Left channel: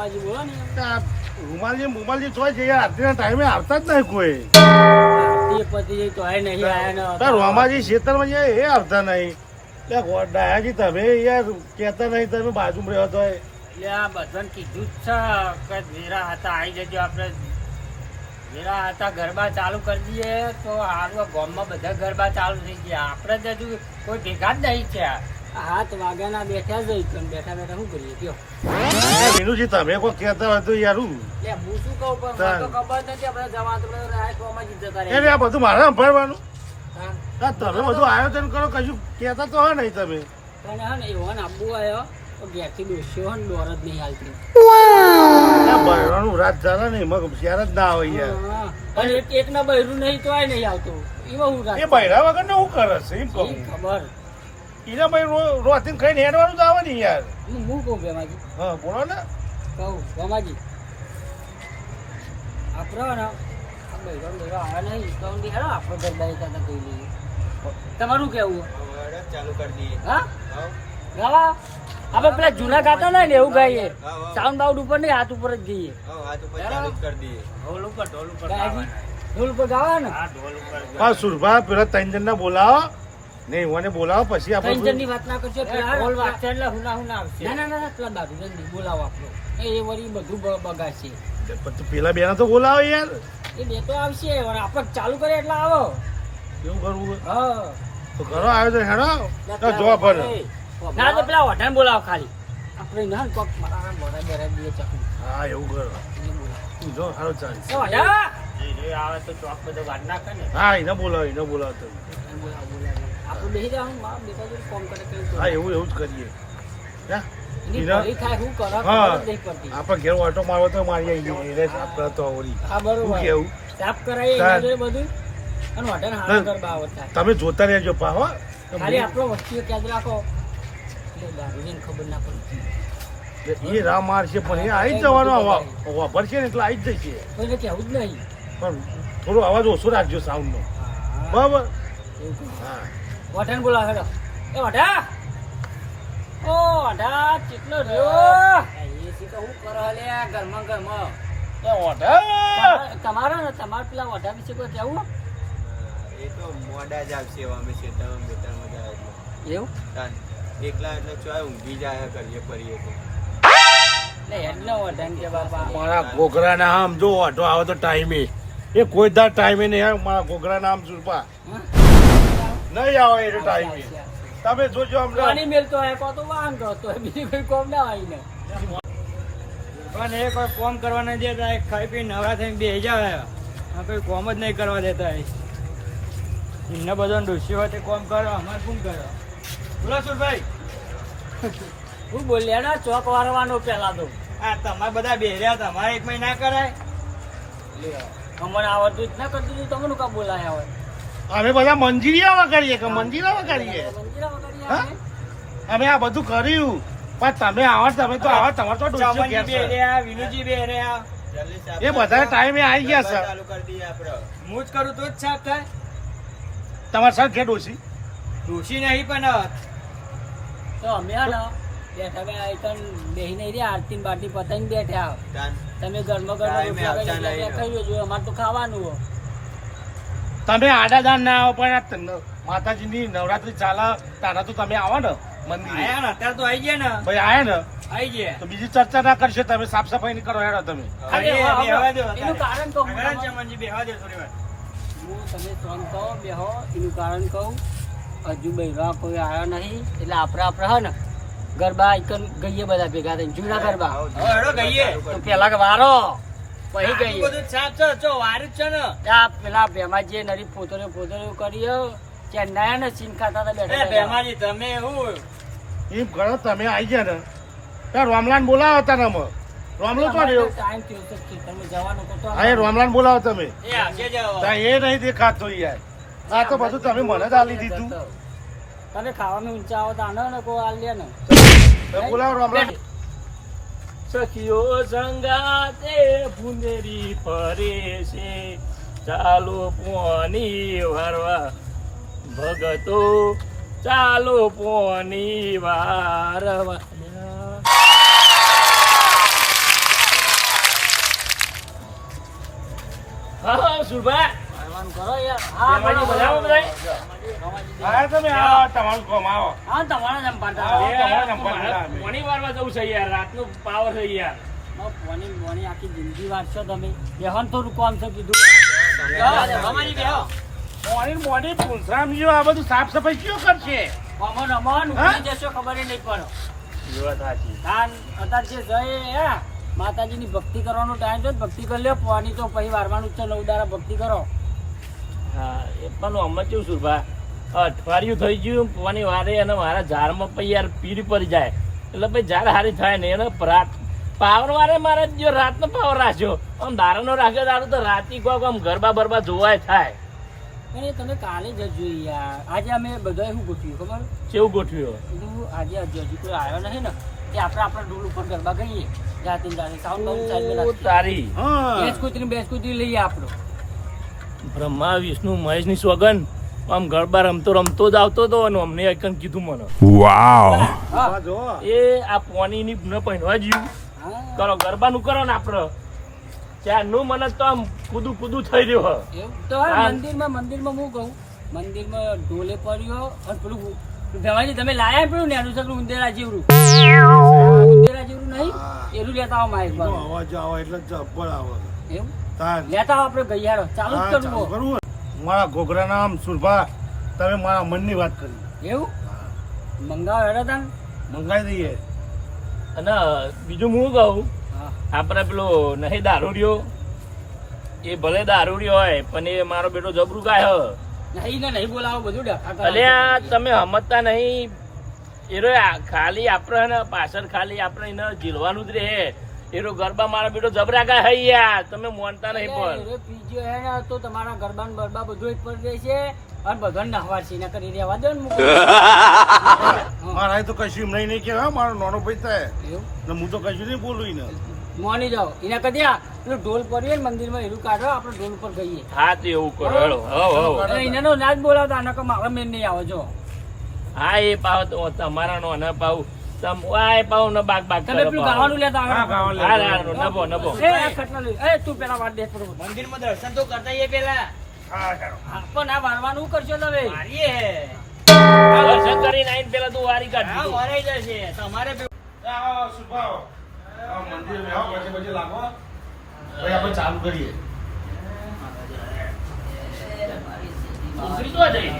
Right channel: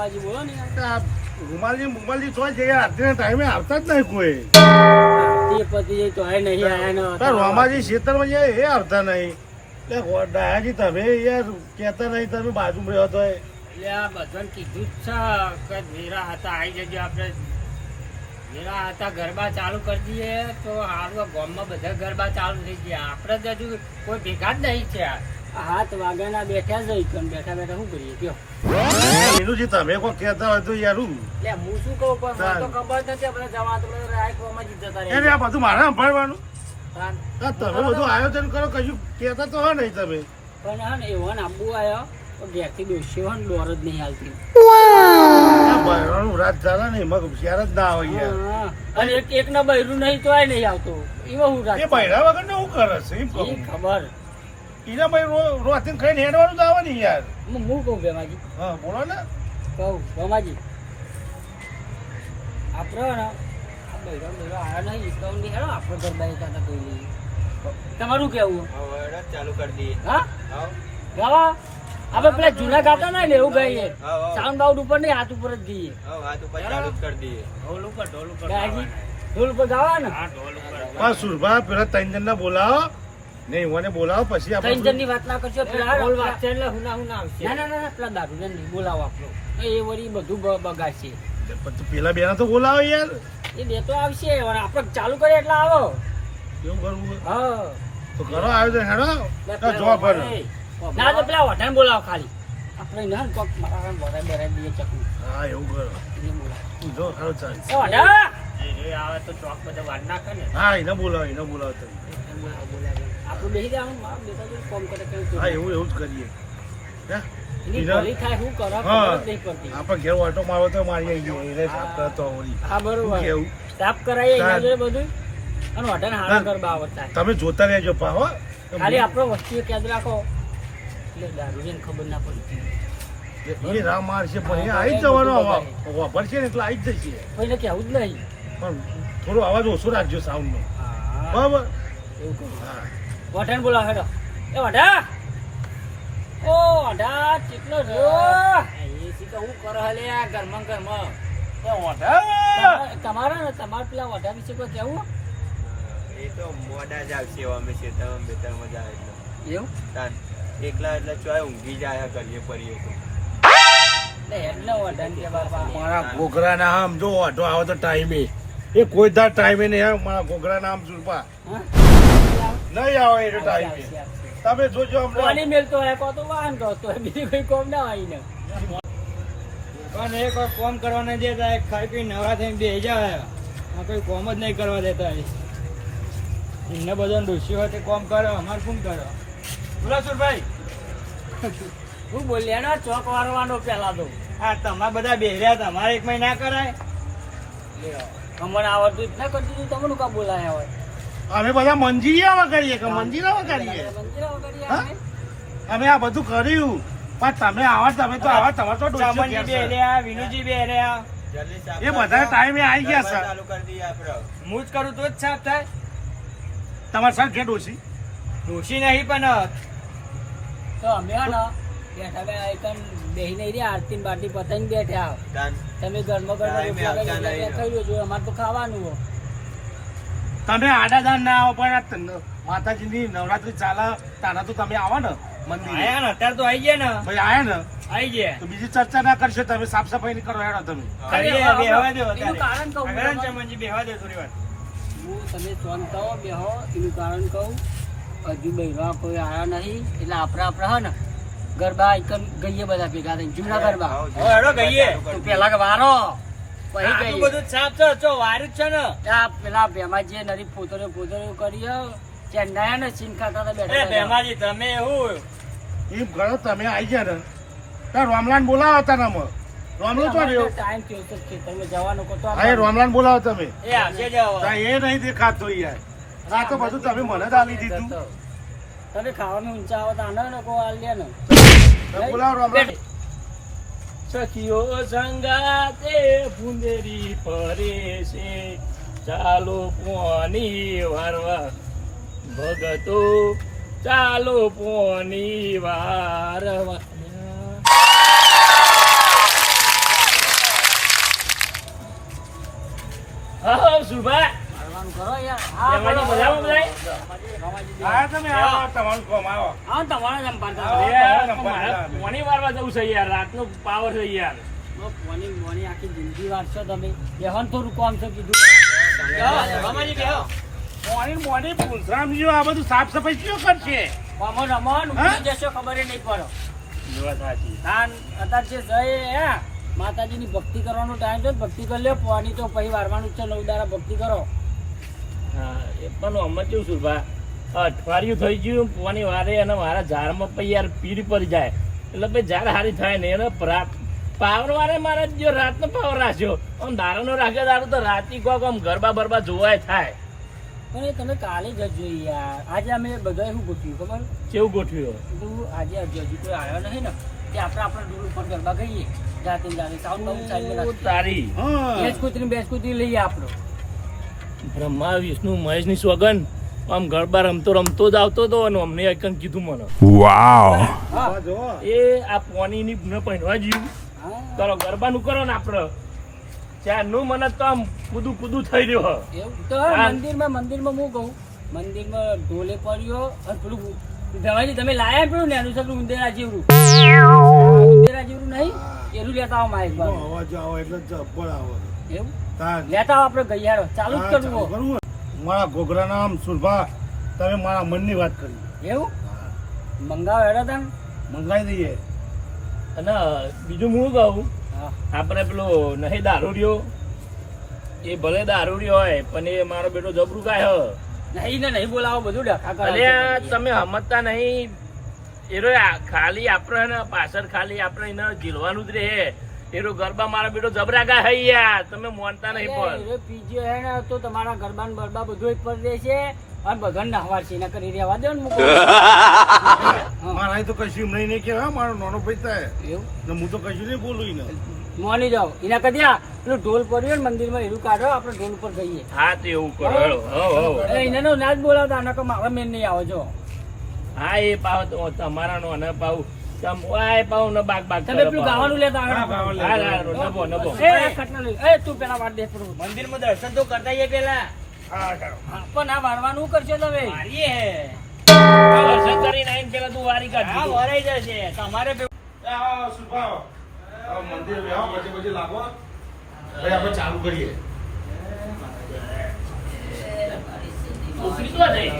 રમાજી બોલો ને રૂમાલજી ચોય છે આરતીના ટાઈમે આવતા જ નહીં કોઈ. તે પતિ તો આય નહીં આયા ને રમાજી ખેતરમાં જાય એ આવતા નહીં. ડાયાજી તમે યાર કેતા નહીં તમે બાજુ રહ્યો તો એટલે આ બધાને કીધું જ છે કે વેરા હતા આવી જજો આપણે વેરા હતા ગરબા ચાલુ કરી દઈએ તો હાલ ગામમાં બધા ગરબા ચાલુ થઈ ગયા. આપણે જ હજુ કોઈ ભેગા જ નહીં છે. હાથ વાગ્યાના બેઠા જ બેઠા બેઠા શું કરીએ કયો વિનુજી તમે કોઈ કેતા હોય તો યાર હું શું કહું પણ મને તો ખબર નથી આપણે જવા તો રાખવામાં જ જતા રહે. આ બધું મારે સંભાળવાનું. તમે બધું આયોજન કરો કશું કેતા તો હા નહીં તમે. પણ હા ને એવો ને આબુ આવ્યો તો ઘેરથી દોસ્યો ને દોર જ નહીં હાલતી. રાત ચાલે ને એમાં શેર જ ના હોય યાર. અને એક ના બૈરું નહીં તો નહીં આવતું એમાં હું રાત બૈરા વગર ને શું કરે છે એમ ખબર એના ભાઈ રોટિંગ ખાઈને હેડવાનું જ આવે ને યાર. હું કહું બેમાજી. હા બોલો ને. કહું રમાજી આપડે ને આ બૈરો આવ્યા નહીં તો હેડો આપણે ગરબા એકાદા કહી લઈએ. તમારું કેવું ચાલુ કરી દઈએ. હા ગાવા આપણે પેલા જૂના ગાતા ને એવું ગાઈએ. સાઉન્ડ બાઉન્ડ ઉપર નહીં હાથ ઉપર જ જઈએ. હાથ ઉપર ચાલુ કરી દઈએ. ઢોલ ઉપર ઢોલ ઉપર ગાવા ને. હા સુરભા પેલા ત્રણ જણ બોલાવો ને એવાને બોલાવો પછી આપણે ત્રણ જણની વાત ના કરશો. પેલા ઢોલ વાગશે એટલે હુના આવશે. ના ના પેલા દાદુજન બોલાવો આપણો એ વળી બધું બગાડશે. પેલા બેના તો બોલાવો યાર. એ બે તો આવશે આપણે ચાલુ કરીએ એટલે આવો એવું કરવું. હા તો કરો આયોજન હેડો જોવા પડે. ના તો પેલા વઢાણ બોલાવો ખાલી આપણે ના કોક મારા બોરા બેરાઈ દઈએ ચકલી. હા એવું કરો એને બોલાવો જો સારો ચાલે. વઢા એ આવે તો ચોક બધો વાડ નાખે ને. હા એને બોલાવો તો બોલાવો આપણે બેસી જવાનું મારા બેટા જો ફોન કરે કઈ. હા એવું જ કરીએ. એની ભલી થાય શું કરો ખબર જ નહીં પડતી. આપણે ઘેર ઓટો મારવો તો મારી આવી ગઈ એને સાફ કરતો ઓલી. હા બરોબર કેવું સાફ કરાવીએ એના જોડે બધું અને વઢાણ હારા ગરબા આવડતા. તમે જોતા રહેજો પા હો. ખાલી આપણો વસ્તી યાદ રાખો એટલે દારૂને ખબર ના પડતી. એ રામ મારશે પણ એ આવી જ જવાનો વાપર છે ને એટલે આવી જ જશે. કોઈને કેવું જ નહીં પણ થોડો અવાજ ઓછો રાખજો સાઉન્ડ નો. બરાબર એવું કહું. વઢાણ બોલાવો હેડો. એ વઢા ઓ વઢા કેટલો રહ્યો એ શીખો હું કરો હલે આ ઘરમાં તમારો ને તમારે પેલા વઢા વિશે કોઈ કેવું. એ તો મોડા જ આવશે અમે ખેતરમાં બેતરમાં જાય એટલે એવું એકલા એટલે ચોય ઊંઘી જાય કરીએ ફરીએ તો. મારા ઘોઘરા ના આમ જો ઓટો આવે તો ટાઈમે એ કોઈ દાર ટાઈમે નહીં. મારા ઘોઘરા નામ સુરપા નહીં આવે એ ટાઈમે. તમે જોજો પાણી મેલતો હોય કો તો વાહન કરતો હોય બીજી કોઈ કોમ ના હોય ને. પણ એ કોઈ કોમ કરવા ના દેતા ખાઈ પી નવરા થઈને બેસી જાય કોઈ કોમ જ નહીં કરવા દેતા. એમને બધા ડોસી હોય તે કોમ કરે અમારે કોણ કરે. બોલો સુરભાઈ હું બોલ્યા ને ચોક વારવાનો પેલા તો હા તમારે બધા બેહર્યા તમારે એક મહિના કરાય. અમને આવડતું જ ના કરતું તું તમને કા બોલાયા હોય. અમે બધા મંજીરામાં કરીએ કે મંજીરામાં કરીએ. અમે આ બધું કર્યું પણ તમે આવા તમે તો આવા તમારે તો ચમનજી બેહર્યા વિનુજી બેહર્યા એ બધા ટાઈમે આવી ગયા સર. ચાલુ કરી દઈએ આપણે. હું જ કરું તો જ સાફ થાય. તમારે સર કે ડોસી ડોસી નહીં પણ તો અમે હા ને બેઠા બે આઈકન બેહી નહીં રહ્યા આરતી બાટી પતંગ બેઠા. તમે ઘરમાં ખાઈ જો અમારે તો ખાવાનું હો. તમે આડાદાન ના આવો પણ માતાજીની નવરાત્રી ચાલે તારા તો તમે આવો ને મંદિર આયા ને અત્યારે તો આવી ગયા ને ભાઈ આયા ને આવી ગયા તો બીજી ચર્ચા ના કરશો. તમે સાફ સફાઈ ની કરો હેડો તમે. એનું કારણ કહું ચમનજી બેહવા દો થોડી વાર. હું તમે ફોન કહો બેહો એનું કારણ કહું. હજુ બૈરા કોઈ આવ્યા નહીં એટલે આપણે હા ને ગરબા આઈકન ગઈએ બધા ભેગા થઈને જૂના ગરબા. હેડો ગઈએ પેલા વારો પછી આટલું ગઈએ બધું સાફ છે જો વારું જ છે ને. ત્યાં પેલા ભેમાજી નરી પોતોને કરીએ ચેન્નાઈ ને ચીન ખાતા હતા એ બેઠા ભેમાજી તમે હું એમ ગણો તમે આવી ગયા ને ત્યાં રોમલાન બોલાવો તને રોમલો તો રહ્યો. ટાઈમ થયો તો ખેતરમાં જવાનું કહો તો હા રોમલાન બોલાવો તમે. એ આવશે જવા. ત્યાં એ નહીં દેખાતું યાર. આ તો બધું તમે મને જ આલી દીધું. તમે ખાવામાં ઊંચા આવો તો આનો ને કો આલ લે ને બોલાવો રોમલાન. સખીઓ સંગાતે ભૂંદેરી ફરે છે ચાલો પોની વારવા ભગતો ચાલો પોની વારવા. હા સુરભા કરવાનું કરો યાર. બેમાજી બધામાં બધાય? આયા તમે આવો તમારું કામ આવો હા, તમારા જ આમ પાડતા હતા. મારે કોની વારવા જવું છે યાર રાતનો પાવર છે યાર મોની આખી જિંદગી વાંચશો તમે. બેહન થોડું કામ છે કીધું. રમાજી બેહો. મોડી પૂંછરામજીઓ આ બધું સાફ સફાઈ કયો કરશે રમો રમો, ઉઠી જશો ખબર ય નહીં પડે. વાત સાચી હા, અત્યારે જે જય હે માતાજીની ભક્તિ કરવાનો ટાઈમ છે, ભક્તિ કરી લ્યો. પાણી તો પછી વારવાનું જ છે. 9 દાડા ભક્તિ કરો. હા એ પણ અમે કેવું સુરભા અઠવાડિયું થઈ ગયું પોની વારે અને મારા ઝાડમાં પછી યાર પીરી પડી જાય એટલે પછી ઝાડ હારી થાય ને એને પાવર વારે મારે જો રાતનો પાવર રાખ્યો આમ દારાનો રાખ્યો દારૂ તો રાતી કોઈક આમ ગરબા બરબા જોવાય થાય પણ એ તમે કાલે જજો યાર. આજે અમે બધાએ શું ગોઠવ્યું ખબર? કેવું ગોઠવ્યો કીધું આજે હજી કોઈ આવ્યો નહીં ને કે આપણે આપણા ડોલ ઉપર ગરબા ગઈએ જાતે ને જાતે. સાઉન્ડ બાઉન્ડ સાઈડમાં રાખીએ. તારી બેસ કૂતરી લઈએ આપણો. બ્રહ્મા વિષ્ણુ મહેશની સોગન આમ ગરબા રમતો જ આવતો હતો અને અમને એકન કીધું મને હા. જો એ આ પોનીની ન પહેરવા જ્યું હા. કરો ગરબાનું કરો ને આપણે ત્યારનું મને તો આમ કૂદું થઈ રહ્યો એવું તો હવે મંદિરમાં હું કહું, મંદિરમાં ઢોલે પડ્યો અને પેલું ભેવાજી તમે લાયા પેલું નેનું છે પેલું ઉંદેરા જેવડું નહીં એનું લેતા આવો માઇક પર. અવાજ આવો એટલે જબ્બર આવો એવું તાર લેતા આવો આપણે ગઈયારો ચાલુ જ ચાલુ કરવું. કરવું ને? મારા ઘોઘરા નામ સુરભા તમે મારા મનની વાત કરી એવું મંગાવો હેડો તાન. મંગાઈ દઈએ અને બીજું હું કહું હા. આપણે પેલો નહીં દારૂડિયો એ ભલે દારૂડિયો હોય પણ એ મારો બેટો જબરું ગાય નહીં ને નહીં બોલાવો બધું ડખા કરે અલે છે. આ તમે સમજતા નહીં એરો ખાલી આપણે ને પાછળ ખાલી આપણે એને ઝીલવાનું જ રહે એરો ગરબા મારા બેટો જબરા ગા હઈ યાર તમે માનતા નહીં પણ અરે, પીજો હે ને તો તમારા ગરબા ને બરબા બધું જ પડી રહેશે અને બધાને નહવા છે એના કરી રહેવા દે ને મૂકો. મારા તો કશું એમ નહીં કહેવાય મારો નાનો ભાઈ થાય એવું ને હું તો કશું નહીં બોલું ને મોની જાઓ એના કદી પેલું ઢોલ પડ્યો ને મંદિરમાં એનું કાઢો આપણે ઢોલ ઉપર ગઈએ. હા તો એવું કરો હેડો. હવ એટલે એને નો ના જ બોલાવતા આના કે મારા મેન નહીં આવો જો. હા એ પાવ તો તમારા નો ન પાવ તમ વાય પાવ ન બાગ બાગ તમે પેલું ગાવાનું લેતા હા, આગળ. ગાવાનું હા હા નબો નબો એ આ ખટલા લઈ. એ તું પેલા વાત દે થોડું. મંદિરમાં દર્શન તો કરતા આવીએ પેલા. હા ચાલો હા, પણ આ વારવાનું શું કરશો તમે? દર્શન કરીને આઈને પેલા તું વારી કાઢ હા, વરાઈ જશે તમારે આવો સુરભા આવો. આવો મંદિર બેહો પછી લાગો ભાઈ આપણે ચાલુ કરીએ ઉતરી તો જઈ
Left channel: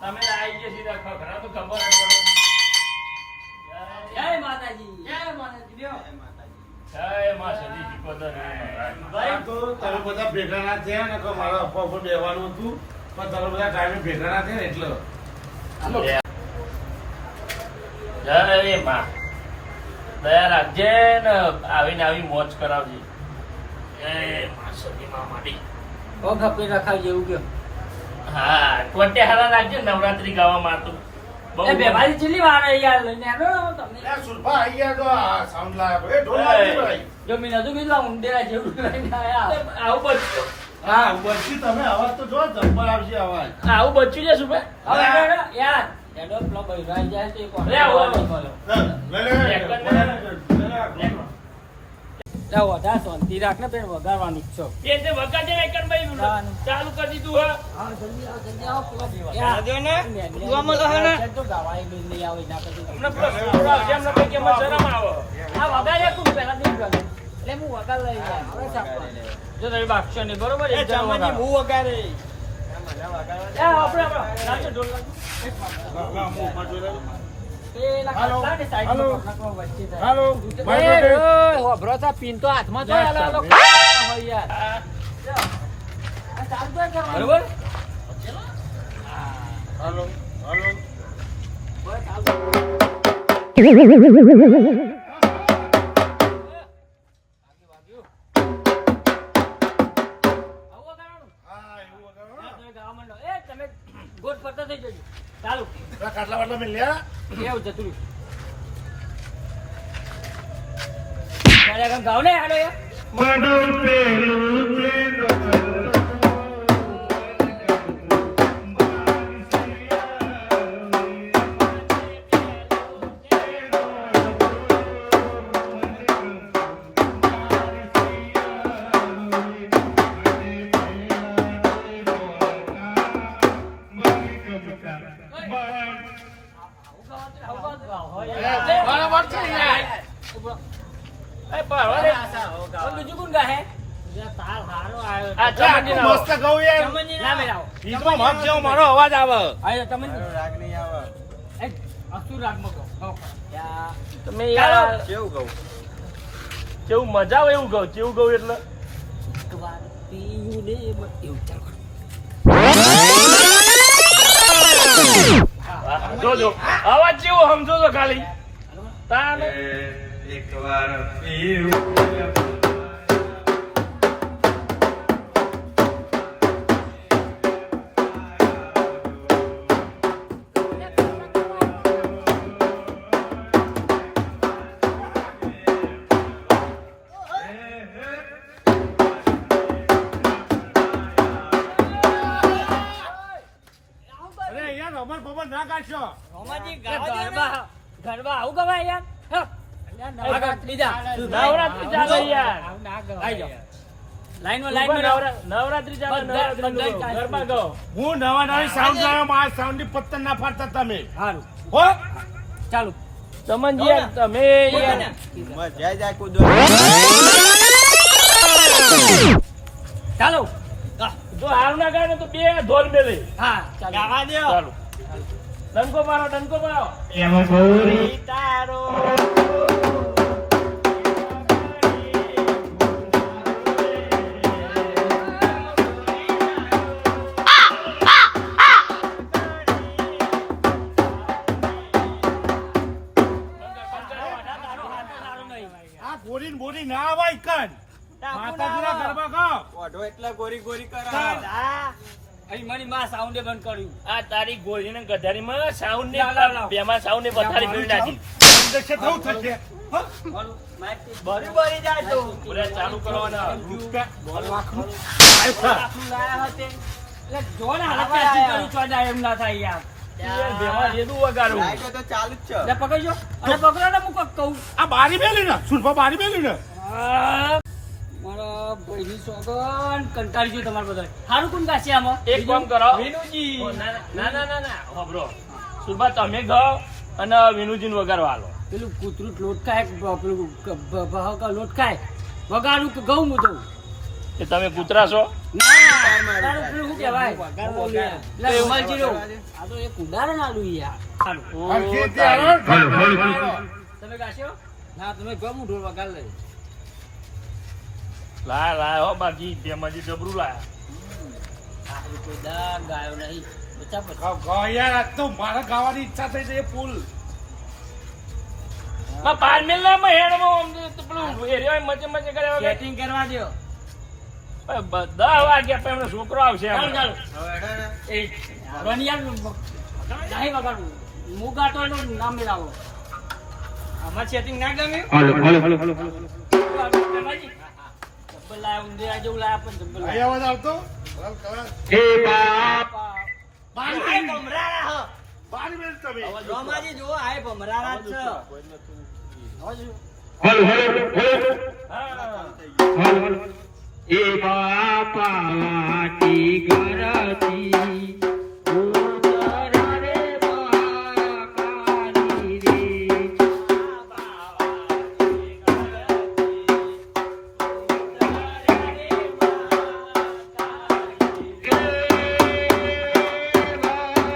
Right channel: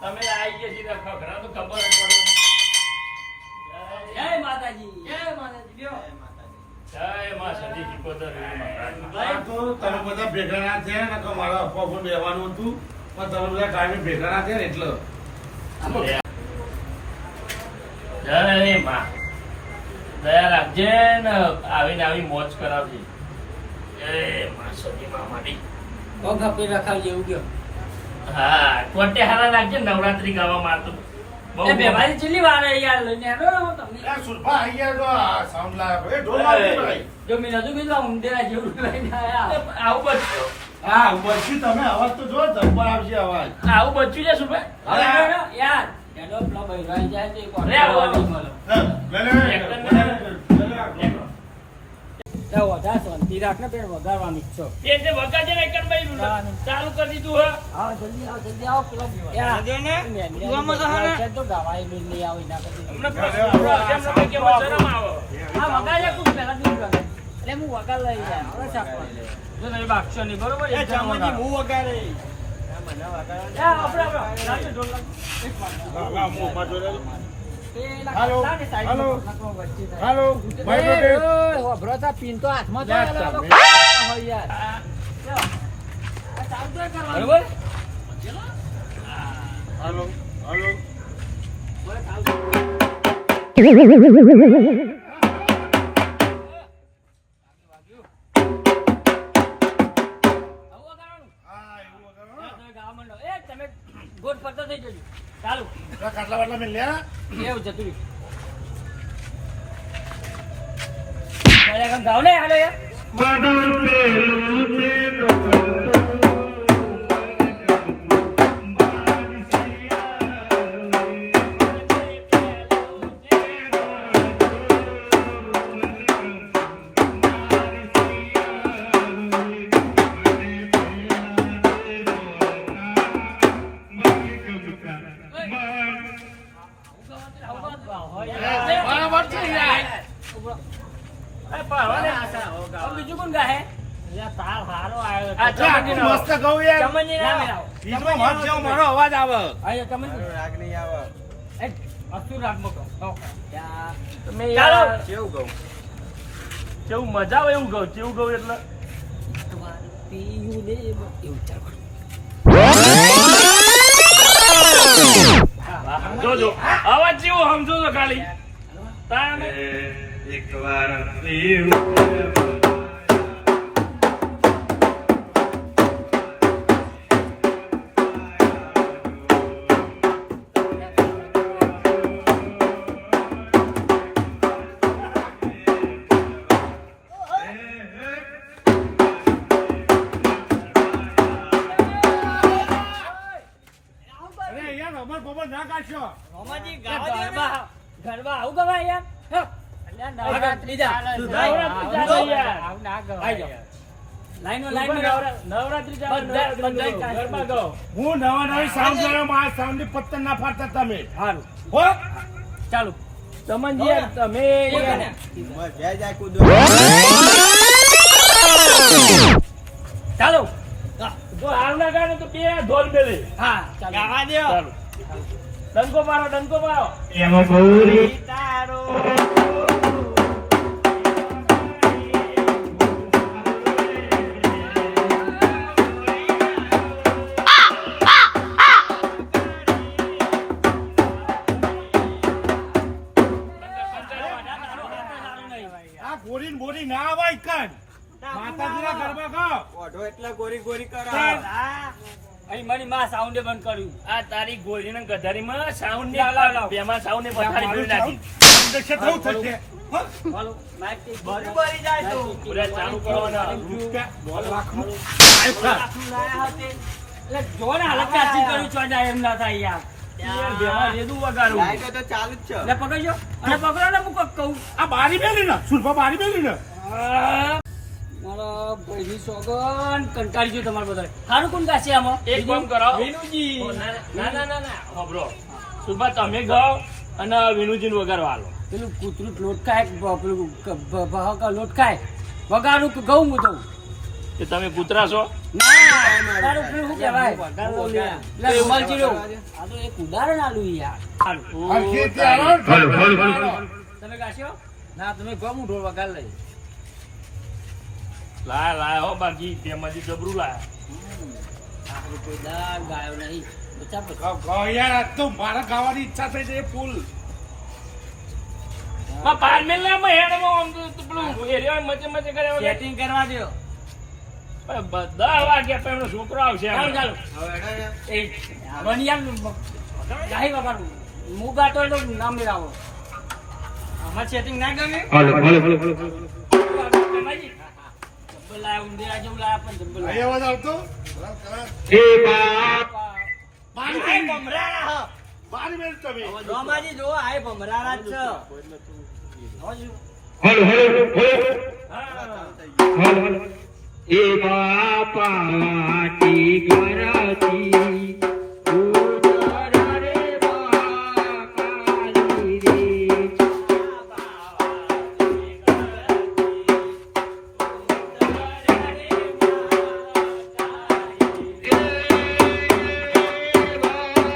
તમે આવી ગયા સીધા ખખરા તો ખબર જ પડે જય માતાજી. જય માતાજી. લ્યો. જય માં સદી ચુકોદર આ તો તમે બધા ભેગા ના થયા ને કે મારા અફવા ઉપર બેહવાનું હતું પણ તમે બધા ટાઈમે ભેગા ના થયા ને એટલે જય માં દયા રાખજે ને આવીને આવી મોજ કરાવજે એ માં સદી માં મારી પગ આપી રખાવજે એવું કયો. હા કોટે હારા રાખજે નવરાત્રી ગાવામાં તો બહુ એ બેવારી ચીલી વાળે યાર લઈને આવ્યો તમને. આ સુરભા આઈ ગયા તો આ સાઉન્ડ લાવ્યો એ ઢોલ લાવજો ભાઈ જો મેં નતું કીધું આ ઉંદેરા જેવું લઈને આયા. આવું બચ્યું હા ઉપરથી તમે અવાજ તો જો જબ્બર આવશે અવાજ આવું બચ્યું છે શું ભાઈ હવે હેડો, યાર હેડો, પેલો બૈરાઈ જાય તો એક રે, આવો, આવો. જાઓ, વધારે શાંતિ રાખ ને પેલું વગાડવાનું જ છો. એ જે વગાડે ને એકન ભાઈ ચાલુ કરી દીધું હા હા, જલ્દી આવો, પેલો યાર, મેંદીની છે તો ગાવાય બી નહીં આવે એના પછી. અમને ભાઈ કે મને શરમ આવે આ વગાડે તું પહેલા તું વગાડ. એટલે હું વગાડ લઈ જાય હવે છાપવા. જો તમે બાગશો નહીં બરોબર એક જણ વગાડ. એ આપણે રાતે ઢોલ લાગુ. એ ના હાલો, કાઢતા ને સાઈડમાં હાલો. નાખવા વચ્ચે જાય. હાલો એ, માઇક રોટેટ. ઓય, હોભરો તો આ પીન તો હાથમાં તો યાર, હાલો, હાલો. ચાલ. હોય યાર. આ ચાલુ તો કરવાનું. બરોબર? હાલો હાલો હવે ચાલુ. આવું વગાડવાનું? હા એવું વગાડો. હા, તમે ગાવા માંડો. એ, તમે ગોળ ફરતા થઈ જજો. ચાલુ. આ કાટલા વાટલા મેં લ્યા એવું જતું રહ્યું. ત્યારે કામ ગાવ ને હાલો યાર. તાલ સારો આવ્યો આ તો. આટલું મસ્ત ગયું યાર. ચમનજી ના ના મેળાવો. બીજમાં મત જેવો મારો અવાજ આવે આયો તમને રાગ નહીં આવે એક અસુર રાગમાં કહો. ત્યાં તમે ચાલો. યાર કેવું કહું કેવું મજા આવે એવું કહું કેવું કહું એટલે એકવાર પીયું ને એવું ચાલો. જોજો અવાજ જેવો સમજો છો ખાલી તાને અરે યાર રબર બબર ના કાઢશો. રોમાજી ગરબા ગરબા આવું ગવાય યાર હે. નવરાત્રી જા. નવરાત્રી ચાલે યાર. આવું ના આઈ ગવાય જાઓ. યાર. લાઈનમાં નવરાત્રી ચાલે બધા- નવરાત્રી બધા ગરબા ગાઓ હું નવા નવી સાઉન્ડ લાવ્યો, મારા સાઉન્ડની પત્તન ના ફાડતા તમે. સારું હો? ચાલુ ચમનજી યાર તમે યાર જય જય કુદો ચાલો જો હાર ના ગાય ને તો બે ઢોલ મેલે હા ચાલો ગાવા દો ચાલો ડંકો મારો ડંકો મારો તારો આ ગોરી ને બોરી ના આવાય કાન. માતાજીના ગરબા ગાઓ. ઓઢો એટલે ગોરી ગોરી કરો તાર. અહીં મારી માં સાઉન્ડે બંધ કર્યું આ તારી ગોળી ને ગધારીમાં સાઉન્ડ ને લાવ, લાવ. બેમાં સાઉન્ડ ને પથારી મારું પડી નાખી sound દશે થવું થશે. હો? ચાલો માઇક થી બરી બરી જાય તો પૂરા ચાલુ કરવાના એટલે જો ને હાલત કાચી કર્યું છો જાય એમ ના થાય યાર બેમાં જેદું વગાડું લાઈટો તો ચાલુ જ છે એટલે પકડજો અને પકડો ને હું કહું આ બારી મેલી ને સુરભા બારી મેલી ને. મારા ભાઈની સોગન કંટાળી ગયું તમારે બધા સારું કોણ ગાશે આમાં એક કામ કરો વિનુજી. ના ના ના ના હોભરો સુરભા તમે ગાઓ અને વિનુજીને વગાડવા આલો પેલું કૂતરું લોટ ખાય પેલું બહાકા લોટ ખાય વગાડું કે ઘઉં હું દઉં કે તમે કૂતરા છો ના તારું પેલું શું કહેવાય પેલા રૂમાલચીડો. આ તો એક ઉદાહરણ આલું યાર સારું. હરખેથી આવો. તમે ગાશો ના તમે ગમ ઢોળ વગાડ લઈ લાય લાય હો બાકી બેમાંથી જબરું લાય આપણે કોઈ દા ગાયો નહીં બચા પછી ગાઓ, ગાઓ યાર, આજ તો મારા ગાવાની ઈચ્છા થઈ છે ફૂલ. માં પારમેલ ના માં હેડમાં આમ તો પેલું એરિયા મચે મચે કરે સેટિંગ કરવા દો 10 વાગ્યા પણ એમનો છોકરો આવશે ચાલો ચાલો એ વનિયા ગાહી વગાડું હું ગાતો હોય તો નામ લેવો આમાં સેટિંગ ના ગમે જબ્બર લાયા ઊંધિયા જેવું લાયા પણ જબ્બર અહીં લાયા. અવાજ આવતો? બારી મેલી. ભમરારા બારી મેલી તમે. રોમાજી જો આય ભમરારા જ છે એ બાપાટી ગરતી ઉતરા રે બાકાલી રે પાટી ગરતી ઉતરા રે બાકાલી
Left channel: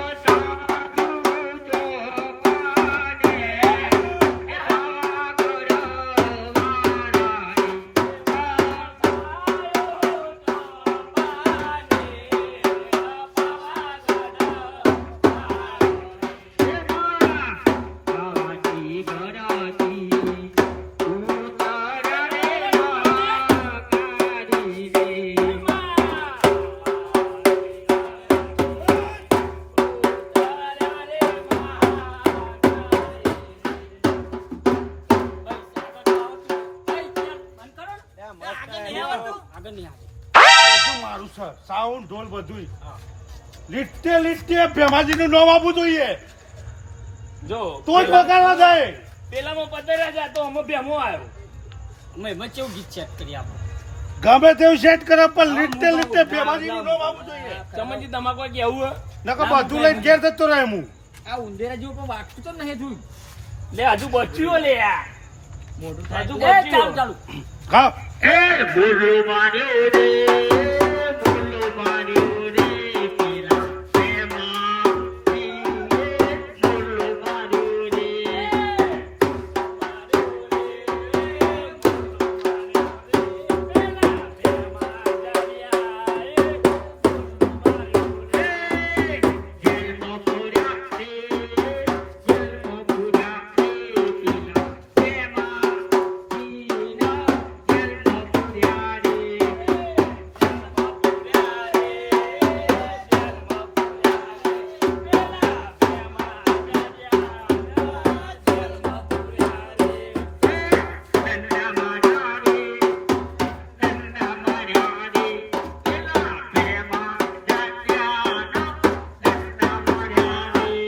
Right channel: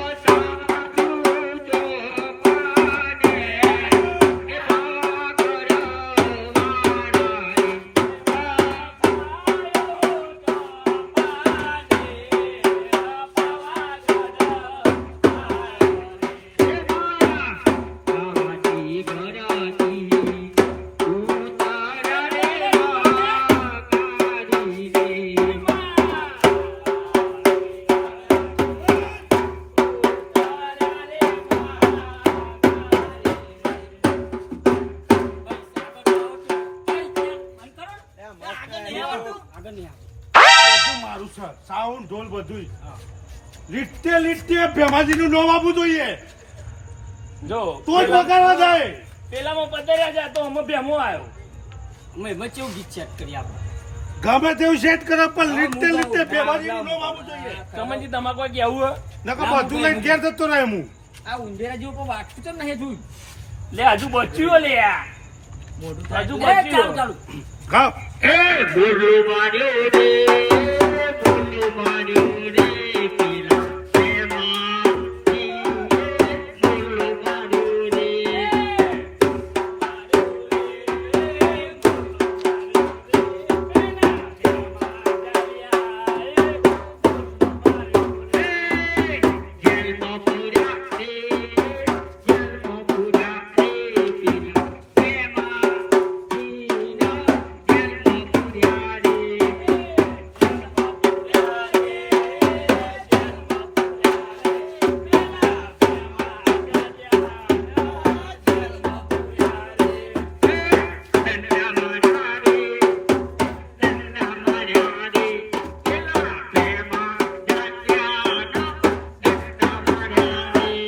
રે આગળ નહીં આવે. બધું મારું છે. સાઉન્ડ ઢોલ બધું લીટે લીટે ભેમાજીનું નામ આપવું જોઈએ જો તો જ વગાડવા જાય. પેલામાં પતર્યા છે તો અમે બેમો આવ્યો અમે એમાં કેવું ગીત સેટ કરી આપણે ગમે તેવું સેટ કરે પણ લીટે લીટે ભેમાજીનું નામ આપવું જોઈએ. ચમનજી તમારે કોઈ કેવું હે? નકર બધું લઈને ઘેર જતો રહે હું. આ ઉંદેરા જેવું પણ વાગતું તો નહીં જોયું લે હજુ બચ્યું લે આ. મોઢું હજુ ચાલુ બચ્યું ચાલુ ગાઓ. બોલો માર્યો રે બોલો માર્યો રે પેલા પ્રેમમાં બોલો માર્યો રે જેલમાં પૂર્યા રે જેલમાં પૂર્યા રે પેલા પ્રેમમાં જેલમાં પૂર્યા રે નન્ના માર્યા રે નન્ના માર્યા રે પેલા પ્રેમમાં જાત્યાના નન્ના માર્યા રે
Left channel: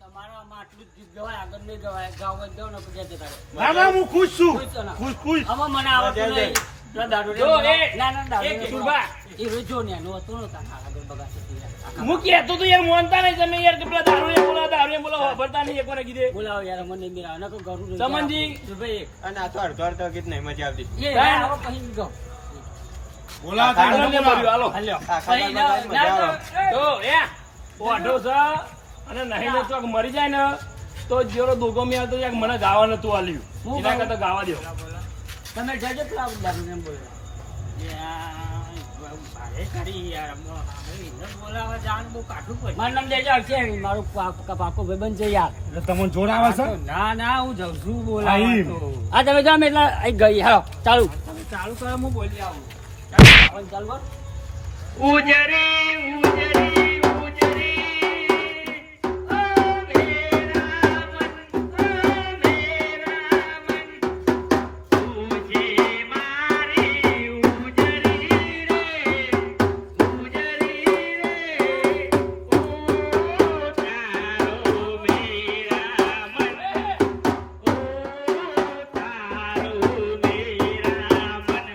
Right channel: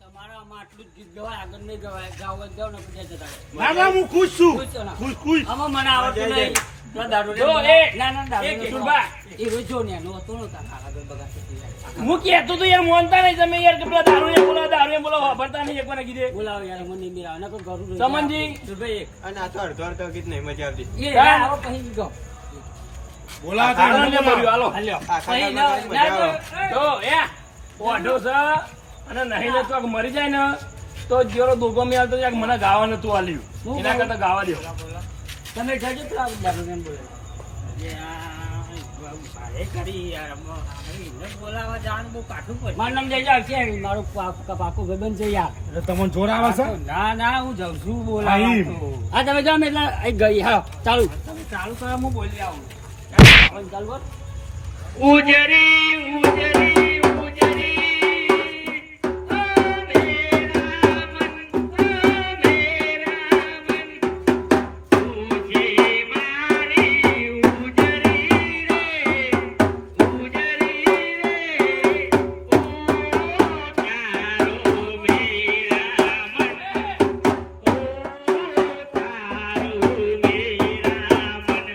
તમારા આમાં આટલું જ ગીત ગવાય, આગળ નહીં ગવાય. ગાવા જ જાઓ ને પછી જતા રહો. ના ના હું ખુશ છું ખુશ છો ને? ખુશ આમાં મને આવડતું નહીં. પેલા દારૂ જો, લેવાનો. એ, ના, ના, દારૂ એ લેવાનો. સુરભા. એ રોજ જો ને, એનો હતો ને તારા આગળ બગાડતો યાર. હું કહેતો તો યાર મોનતા નહીં તમે યાર કે પેલા દારૂ બોલો વાપરતા નહીં એકવાર કીધે બોલાવો યાર, મને નહીં મેળાવે. નકર ઘરું રોજ ચમનજી. સુરભાઈ એક. અને આ તો અડધો ગીત નહીં મજા આવતી. એ આવો પછી ગયો. બોલાવો તારણ ને બોલાવો. બોલ્યું, હાલો. હાલ્યો. આખા પછી ગામમાં ના, મજા ના, આવે. જો એ ઓઢો છે અને નહીં ને ચોક મરી જાય ને તો જેરો દોગો મેળ તો યાર મને ગાવા નતું આલ્યું હું એના કરતા ગાવા દો તમે જજો પેલા દારૂ એમ બોલો. ભારે કરી યાર. એને બોલાવા જવાનું બહુ કાઠું પડે. મારું નામ દેજો છે, મારું પાકો ભાઈબંધ છે યાર. એટલે તમને જોર આવે છે ના ના, હું જઉં છું હા, બોલાવા એમ. તો. હા તમે જાઓ, મેં એટલા અહીં ગઈ. હા ચાલુ. તમે ચાલુ કરો, હું બોલી આવું. ચાલુ, ચાલુ કર. ઉજરી ઉજરી ઉજરી ઓ મેરા મન તુજે મારી ઉજરી રે ઉજરી રે ઓ તારો મેરા મન ઓ તારો મેરા મન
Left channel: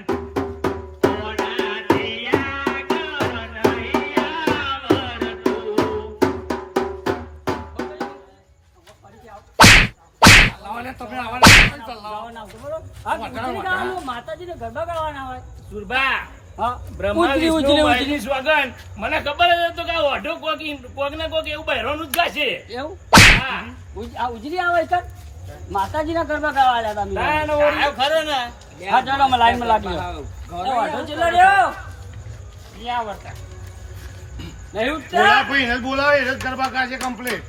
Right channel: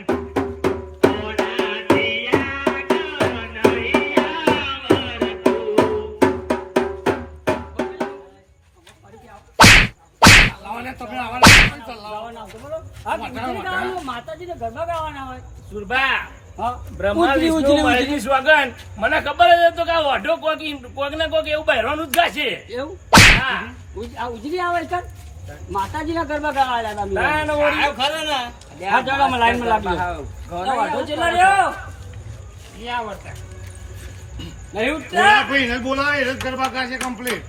ઓના દિયા ગાવાના આવતો, બોલો. હા, ઉજળી ગાવાનું, માતાજીને ગરબા ગાવાના હોય. સુરભા હા. બ્રહ્મા ઉજળી, વિષ્ણુ ઉજળી, મહેશની સોગંદ મને ખબર જ હતું કે આ ઓઢો કોક ને કોક એવું બહેરાનું જ ગાશે એવું? હા આ ઉજળી આવે છે? માતાજીના ગરબા ગાવા આવ્યા હતા તારા અમે. ને ઓળી. આવ્યો ખરો ને હા, ચાલો, અમે લાઈનમાં લાગીએ. એ વાંધો ચેલો રહ્યો. નહીં આવડતા. નહીં ઉઠતા? બોલા કોઈ એને બોલાવે એને જ ગરબા કાઢે કમ્પ્લીટ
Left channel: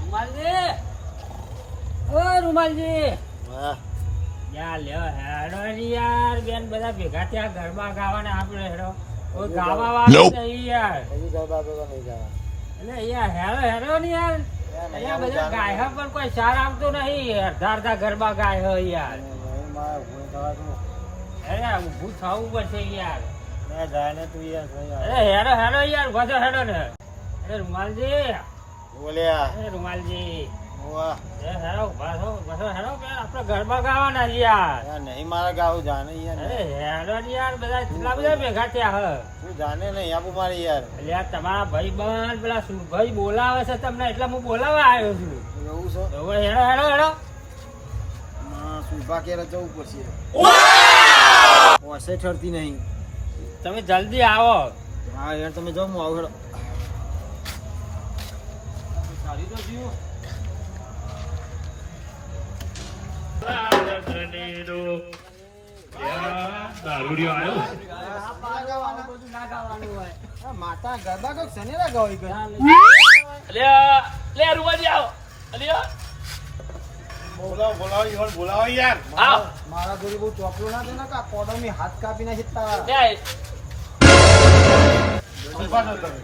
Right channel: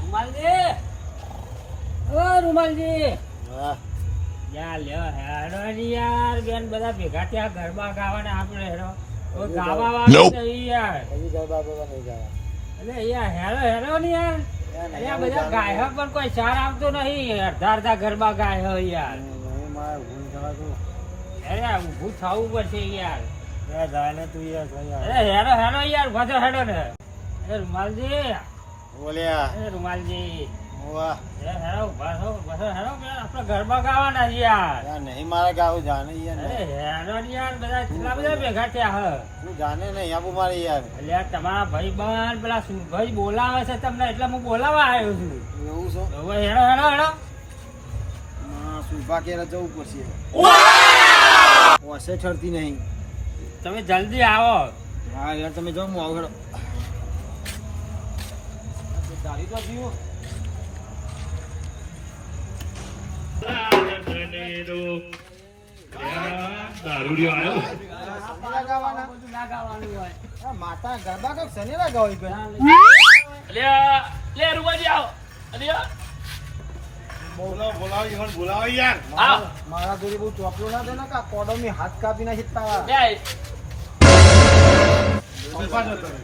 રૂમાલજી. ઓ રૂમાલજી. યાર લ્યો, હેડો ને યાર, બેન બધા ભેગા થયા ગરબા ગાવાના આપણે હેડો. કોઈ ગાવા વાળું નહીં યાર. એટલે યાર હેડો હેડો ને યાર. અહીંયા બધા ગાયક પણ કોઈ સાર આવતો નહીં. અડધા અડધા ગરબા ગાય હે યાર. અરે ઊભું થવું પડશે યાર. અરે હેડો હેડો યાર, વધો હેડો ને. અરે રૂમાલજી. બોલ્યા અરે રૂમાલજી. વાહ એ હેડો વધો હેડો કે આપણે ગરબા ગાવાના છે યાર. યાર નહીં મારે ગાવું જાને યાર અરે હેડો ને યાર, બધા કેટલા બધા ભેગા થયા હે. તું જાને નહીં આપું મારી યાર એટલે આ તમારા ભાઈ બંધ પેલા સુરભાઈ બોલાવે છે તમને, એટલે હું બોલાવા આવ્યો છું. એવું છે હવે હેડો હેડો હેડો. સુભા કેરા જવું પડશે ઓસે ઠરતી નહીં તમે જલ્દી આવો. હા યાર તમે જાઓ હું આવું હેડો સારી તો જીવો. બધું ના ગાવાનું હોય. માતા ગરબા કઈક શનિ લગાવી કઈ લે રૂવાજી આવો અલ્યા બોલાવો બોલાવો ઈવન બોલાવો યાર આવ મારા જોડે બહુ ચોપલું ના દે ને કે પોડો મી હાથ કાપી નાખી તારા લે શિલ્પા ન કરે.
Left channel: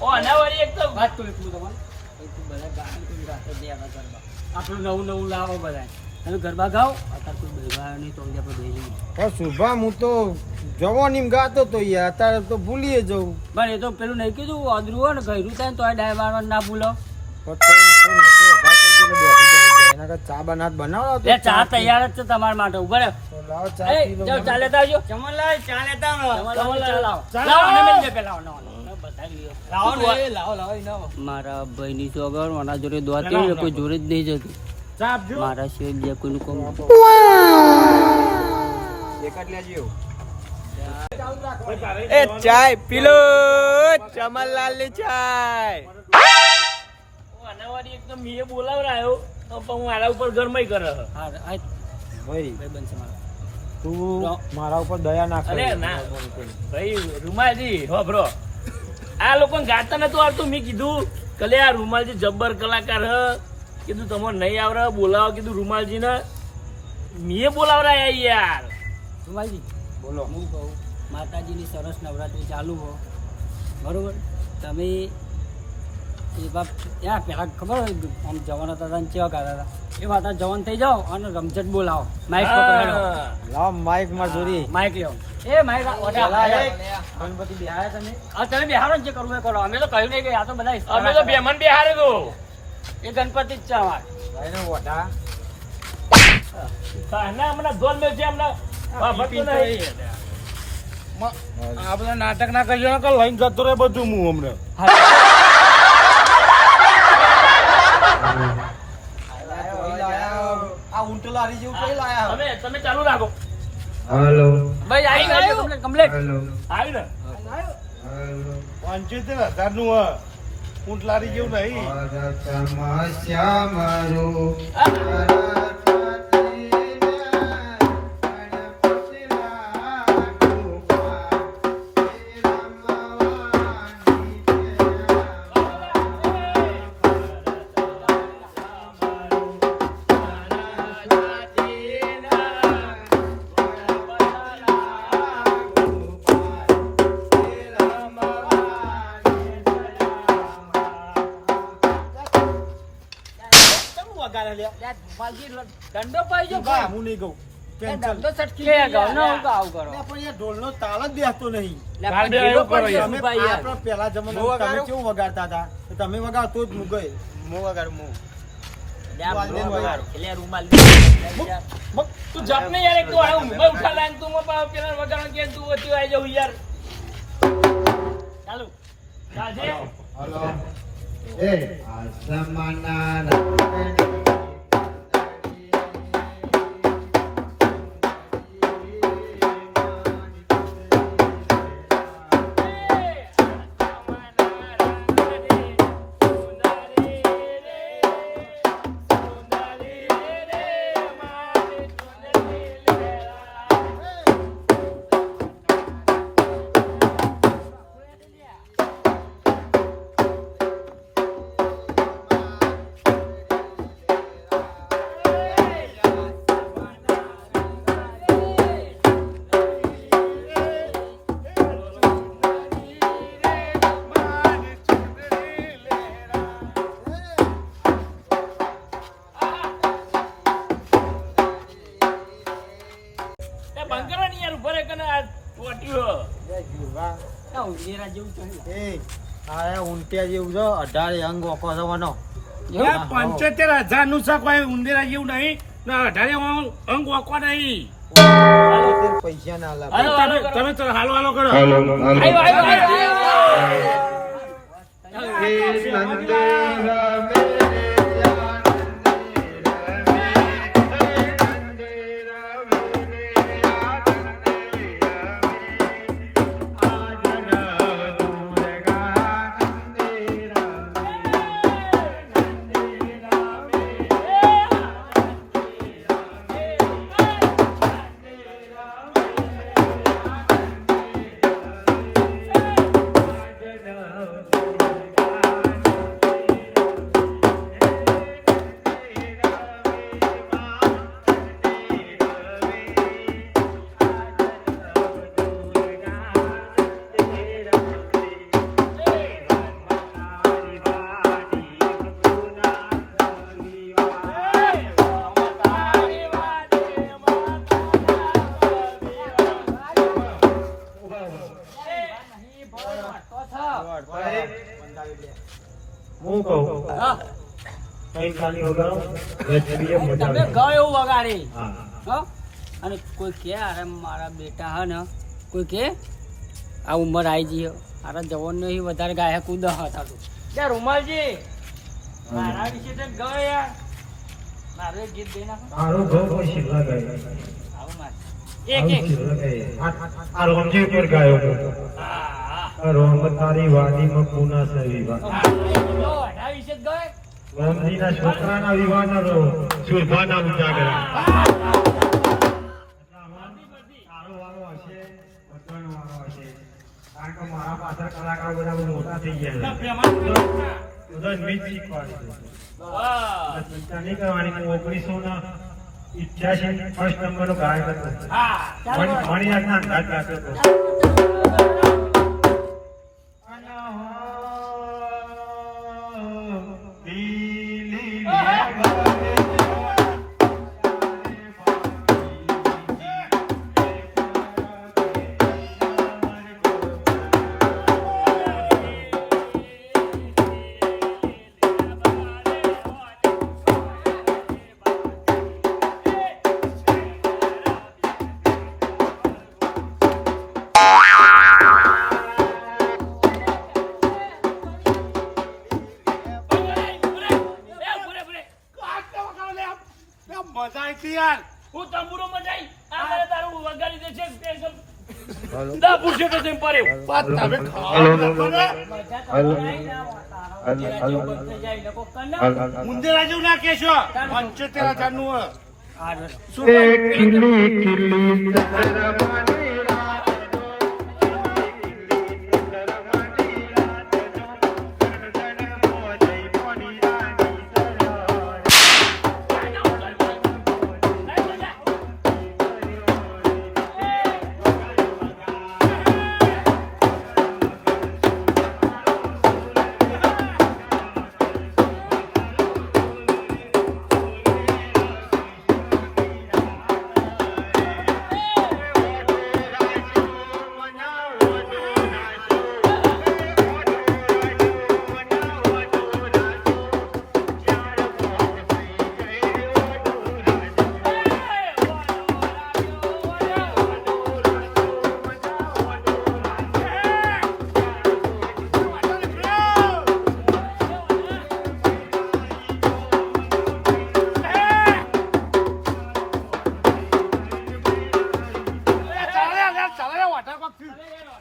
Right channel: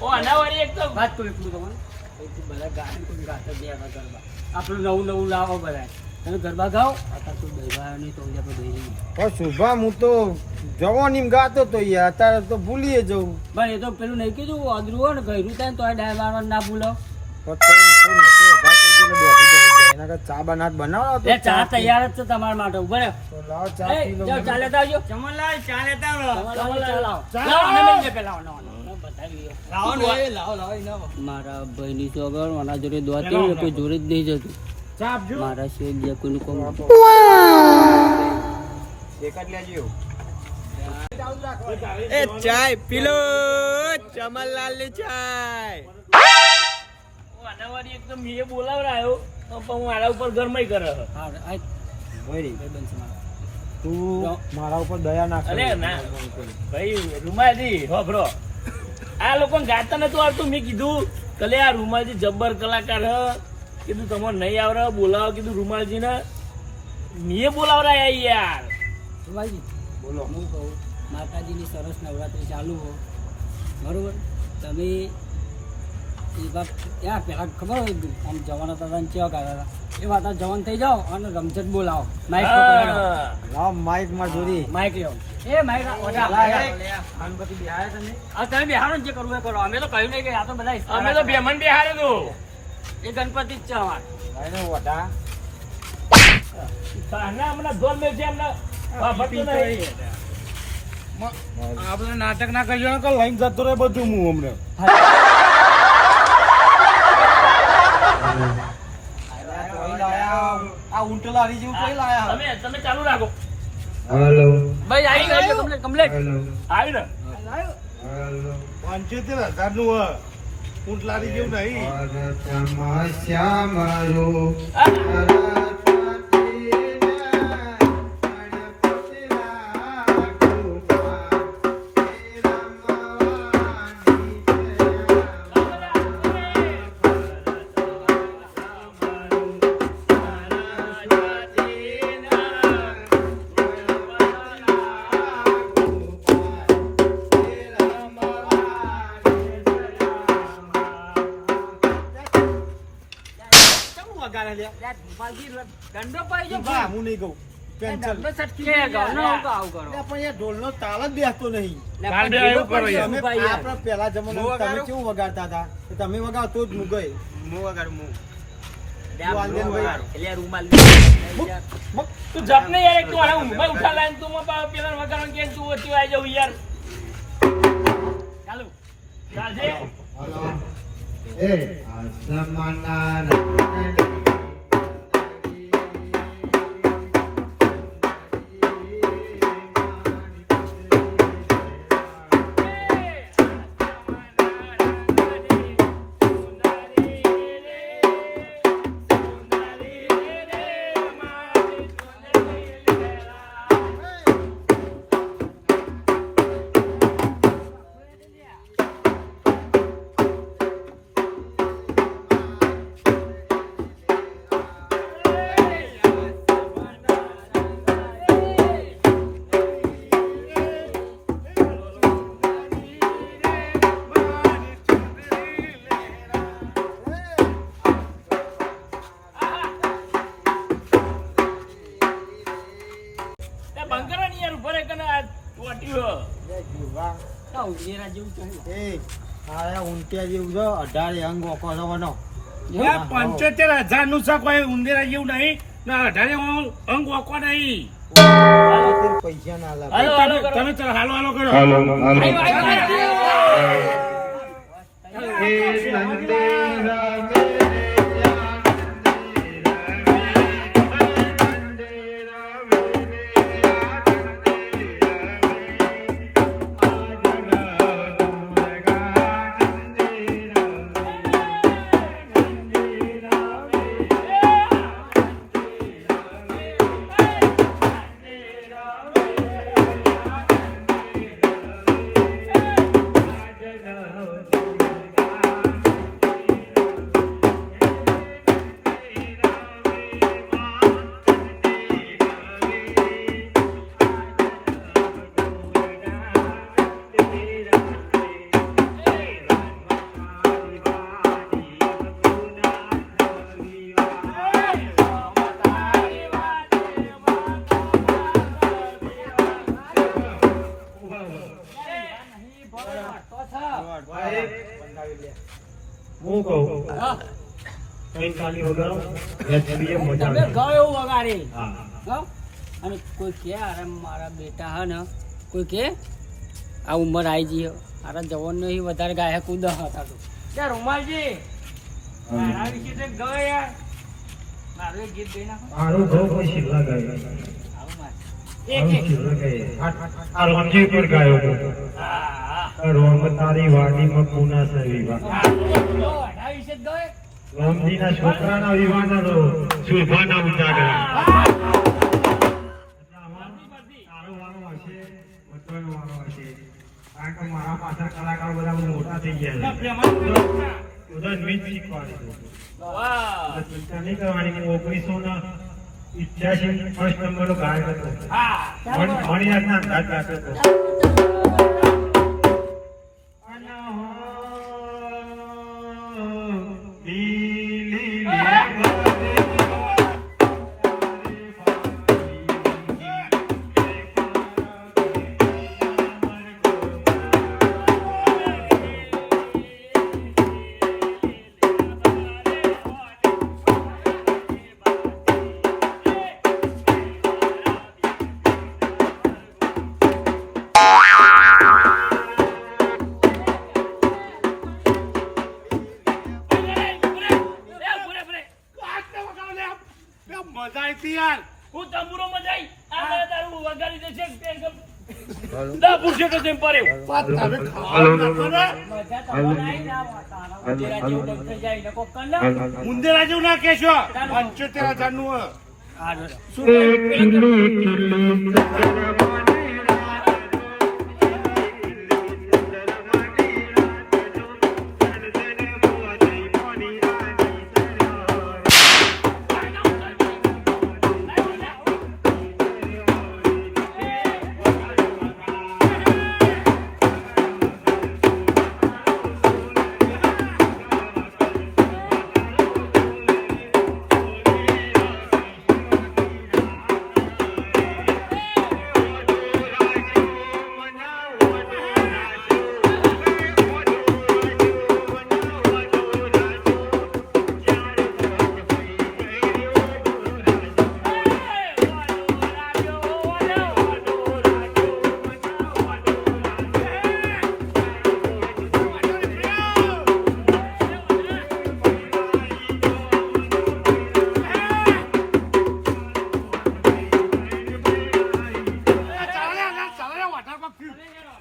ઓ અનાવારી એક તો વાત કરું એટલું તમારે. એટલું બધા ગાય ગાતો બે આવા ગરબા. આપણું નવું નવું લાવો બધા. તમે ગરબા ગાઓ. અત્યારે કોઈ બહેવા નહીં તો આપણે બહેરી નહીં. પણ શુભા હું તો જવાનીમ ગાતો તો યાર અત્યારે તો ભૂલીએ જવું પણ એ તો પેલું નહીં કીધું અદરું હોય ને ગયરું થાય ને તો ડાય મારવાનું ના ભૂલો. પણ તો નતો અઘા થઈ ગયો એના ચા બનાવ બનાવો એ ચા તૈયાર જ છે તમારા માટે ઉભા રહો. તો લાવો ચા એ, પી લો જાઓ, ચા લેતા આવજો. ચમનલાલ ચા લેતા આવો. ચમનલાલ, ચા લાવો. ચા લાવો, લાવો. આને લઈ જાઓ, લાવો, બતાવી લ્યો. લાવો ને લાવો મારા ભાઈની સોગર મારા જોડે દોતી કોઈ જોડે જ નહીં જતું. ચા આપજો મારા સિવાય બીજા કોઈનું કોમ એકાદ લેજો એ ચાય પીલો ચમનલાલ ની ચાય અનાવારી એકદમ મેં બોલાવરાયો તો પણ હું આના ઉપર ગરમાઈ કરે છે. હા, આ ભાઈ બનશે મારા. તું મારા ઉપર દયા ના અરે ના ભાઈ રૂમાલજી હો બ્રો આ લોકો ગાતા નતું આવતું. મેં કીધું કલે આ રૂમાલજી જબ્બર કલાકાર હ કીધું તમારે નહીં આવડે બોલાવો કીધું રૂમાલજી ને મેં બોલાવરાયા યાર. સુભાઈજી બોલો હું કહું માતાજીની સરસ નવરાત્રી ચાલુ હો બરોબર. તમે એ વાત ત્યાં પહેલાં ખબર હોય આમ જવાન હતા તને કેવા કરતા હતા એ વાત આ જવાન થઈ જાઓ અને રમઝટ બોલાવો માઇક પકડાડો. હા. લાવ માઈક માં જોડી માઇક લેવો એ માઇક ગણપતિ બેહાય તમે હા તમે બિહારો ને જે કરવું એ કરો. અમે તો કહ્યું નહીં કે આ તો બધા અમે તો બેમન બેહાડેલું. એ ગણપતિ જ છે અમારે. ભાઈ ને વઢા ના હમણાં ઢોલ મેં છે હમણાં વાપરતો નહીં. આ બધા નાટક ના કરજો ને લઈને જતો રહે બધું હું હમણાં આ ઊંટ લારી જેવું કઈ લાયા તમે ચાલુ રાખો. ભાઈ આવ્યું કમ્પ્લીટ આવ્યું ને 75,000 નું ઊંટ લારી જેવું નહીં. દંડો પાઈ જો હું નહીં કહું કેન્સલ દંડો છટકી જાય. આવું કરો. પણ યાર ઢોલનો તાલ જ બેસતો નહીં લે, ગાંડે પણ એવું કરો યાર. તમે ભાઈ યાર. આપણા પહેલા જમાનામાં તમે કેવું વગાડતા હતા તો તમે વગાડો તો જ હું ગઈ હું વગાડ હું વાંધેનભાઈ. એટલે રૂમાલ તું જપ ને યાર એક તો આ ઊંઘમાં ઉઠા લાઈન તું પેલા વગાડવાનું કે તું વચ્ચે આવી જાઉં યાર. ચાલુ ચાલશે. બંકરો ની યાર ઉભો રે કને આ ટોટ્યું. આ ઉંદેરા જેવું છે. એ આ ઊંટિયા જેવું છે 18 અંગ ઓકો થવાનો 75,000 નું છે કોઈ ઉંદેરા જેવું નહીં ને 18 અંગ વાંકવા નહીં. પૈસા ના લાગે હાલો હાલો કરો. તમે ચલો હાલો હાલો કરો. આવ્યો, આવ્યો. હું કહું કઈ ખાલી વગાડો એચબીએ મજા તમે આવે ગયો એવું વગાડી હા હો? અને કોઈ કે અરે મારા બેટા હા ને કોઈ કે આ ઉંમર આવી ગઈ અરે જવાન નહીં વધારે ગાયક કુદા હતા તો ત્યાં રૂમાલજી મારા વિશે તો ગયો યાર મારું એક ગીત દઈ નાખો આરો ગો કોઈ શિવલા ગાય આવું મારે આરો શિવલા ગાય આ રોમજી પર ગાયો આ રોમ તારી વાડીમાં પૂના સે વિવાહ એના વિશે જ ગયો રોમજીના છોકરાના વિવાહના તો સુરભાના ઉજાગરા સારો વારો હશે વચવાનો વારો હશે કારણ કે મારા પાછળ કલાકાર બધા બહુ મોટા થઈ ગયા છે બધા મીત શીખવાડે વાહ ચિંતા નહીં કરવાની હું 1988 ફર્સ્ટ નંબરનો ગાયક હતો મણિનાથના અંદાજ ગાતો હતો મજા આવી યાર. હું તંબુરો મજાઈ આ મને તારું વગાડી દેશે દા પૂછે તો તેમ પડે મજા તો આવી ના તારા ઉંદેરા જેવું બંધ થઈ જાય ને કોક કર ને. ઉંદેરા જેવું ના કહેશો 75,000 નું હે. હા, બરાબર.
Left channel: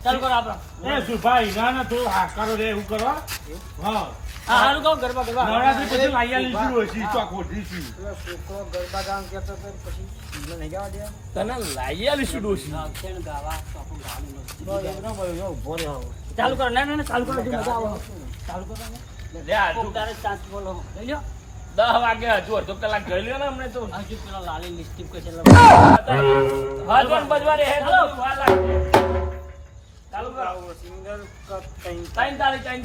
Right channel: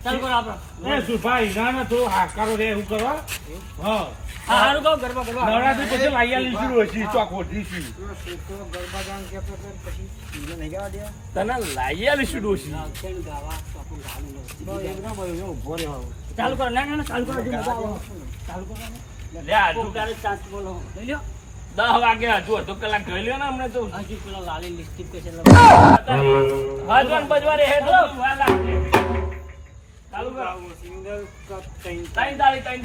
ચાલુ કરો આપણો. એ સુભાઈ ના થોડું હાકારો રે એવું કરવા હા હા, હારું કહો, ગરબા ગરબા. નવરાત્રી પછી લાઈયા લીધું હોય છે ચોખોટ દીધી છોકરો ગરબા ગાવાનું કહેતો હતો, પછી ઈનો નહીં ગાવા દેવા. તને લાઈ આલી શું ડોશી નાગસેણ ગાવા, તો આપણું ગાવાનું નથી. ઉભો રહ્યો ચાલુ કરો, ના ના ના, ચાલુ કરો, હજુ મજા આવે. ચાલુ કરો ને. લે આ કોક તારે ચાન્સ બોલો. લઈ લ્યો. 10 વાગે હજુ અડધો કલાક જોઈ લ્યો ને હમણાં તો હજી પેલો લાલી લિપસ્ટિક કે છે એટલે હાજવાન બજવારે હે તો વાર લાગે ચાલુ કરો ત્રણ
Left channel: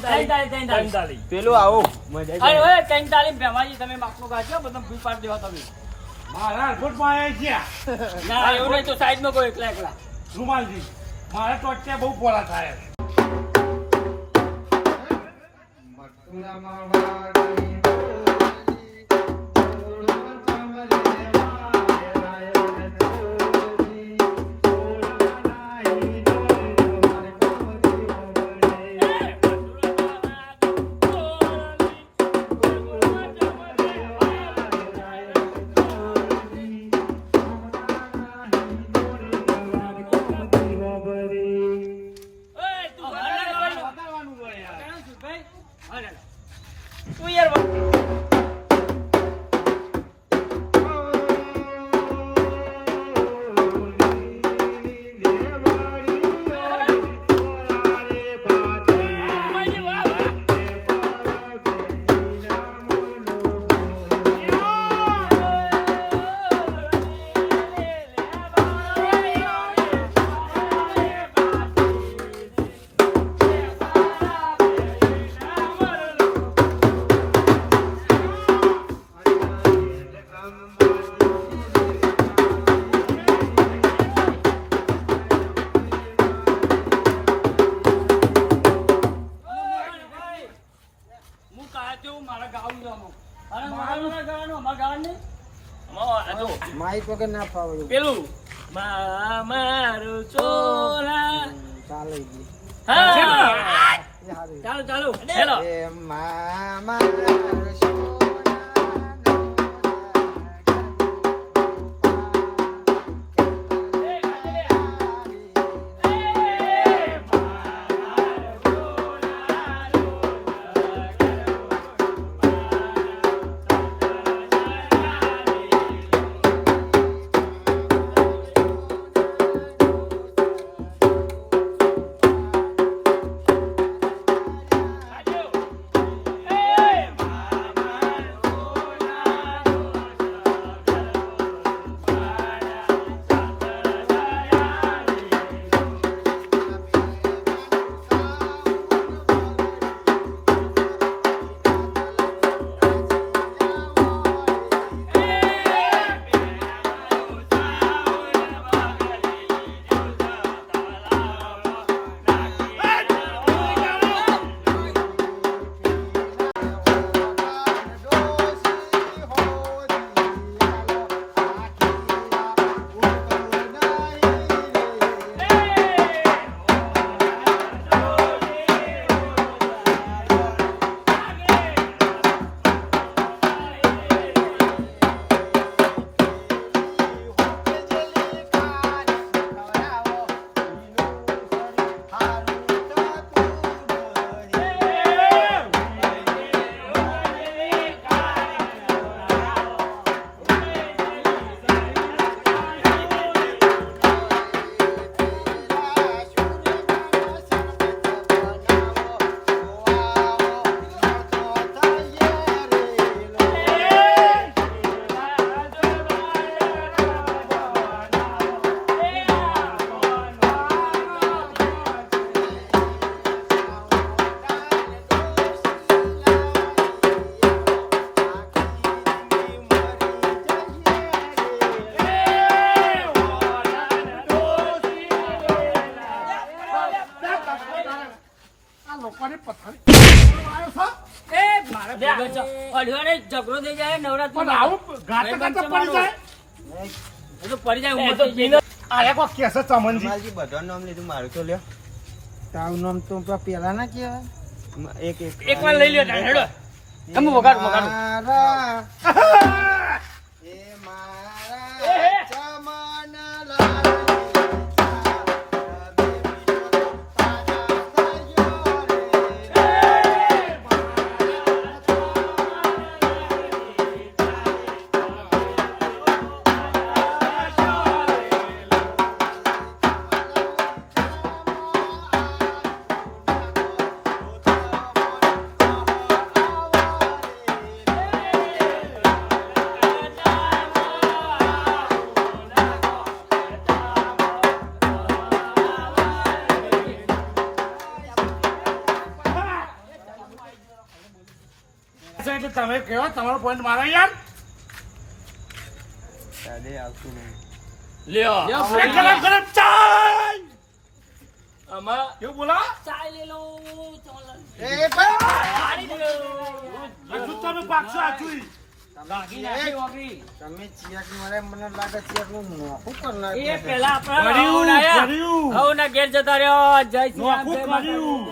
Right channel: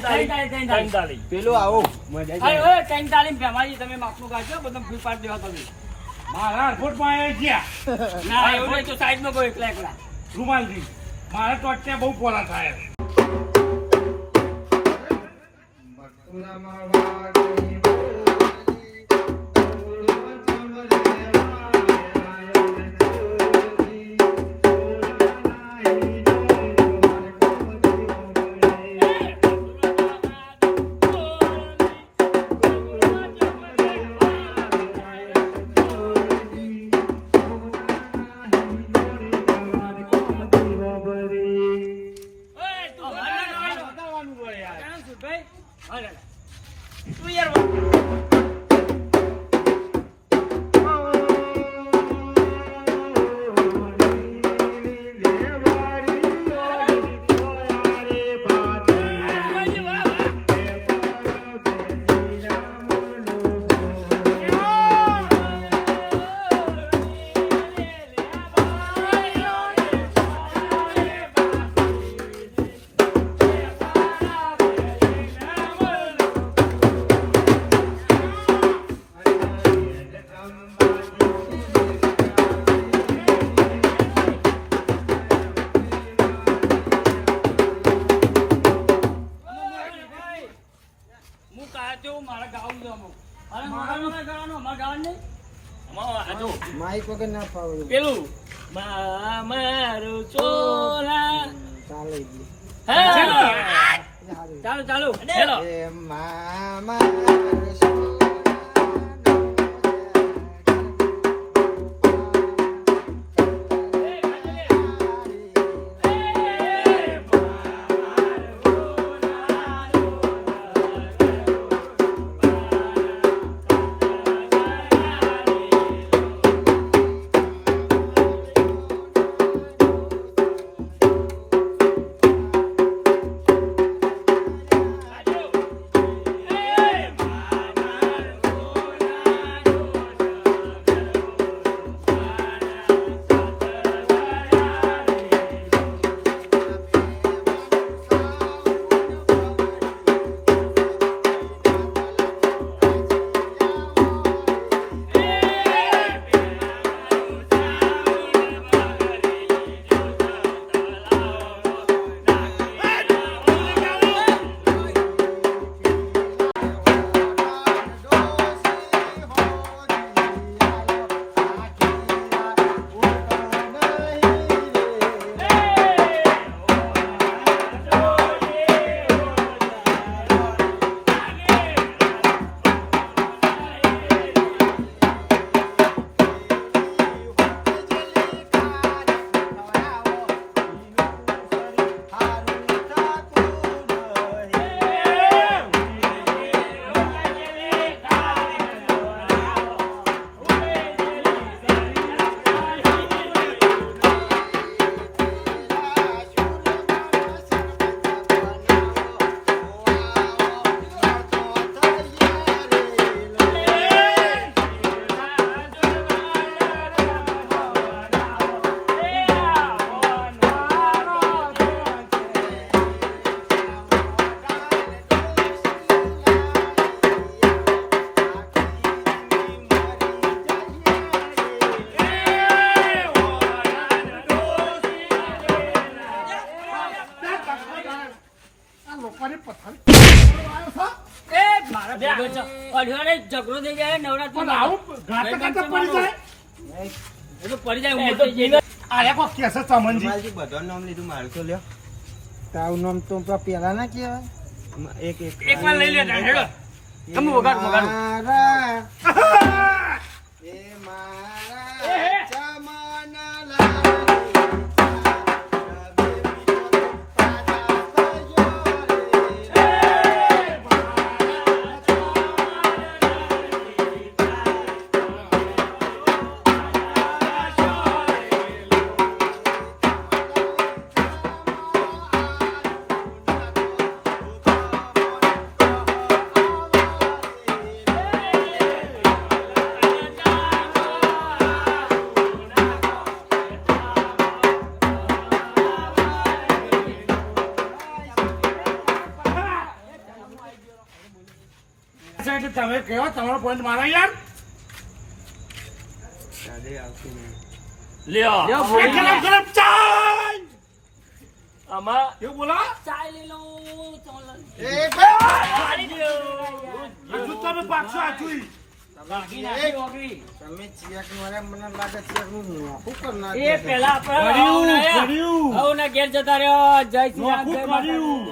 તાળી પેલું આવો અરે ઓય ત્રણ તાલીમ ભેમાજી તમે માપનું ગાજો બધા ફ્રી પાડ દેવા તમે. મારા એરપોર્ટમાં આવ્યા ગયા ના એવું નહીં તો સાઈડમાં કોઈ એકલા એકલા. રૂમાલજી મારે તો અત્યારે બહુ પોરા થાય તું માઇક વગર ના ફાવડું પેલું મારું ચોરા ચાલે હા ચાલુ ચાલુ હેલો એ મામા ઝઘડો થઈ જાય નવરાત્રી ગાતે ગાતે પડી જાય પડી જાય એ તો પીને આયા કો કેસે ચમનજી માલજી બધાનું નામ લીધું મારું તો લ્યો તારું નામ તો પેલા ના કહેવાય એક વાર લઈ લે હેડો તમે વગાડ મારા એ મારા ચમના લાલ તમે કેવો તમારો પોઈન્ટ મારો યાર લ્યો ગરમ ગરમ ચાય આમાં કેવું બોલા ચાય લે લો એ હજુ તમે પાછો આચુઈ તમે ચિયાક મારે મને લાગે ચિયાક નું નોખું કર નાખ એ પેલા આપણા ઘેર જતા રહ્યો જય શ્રી રામ જય કર્યું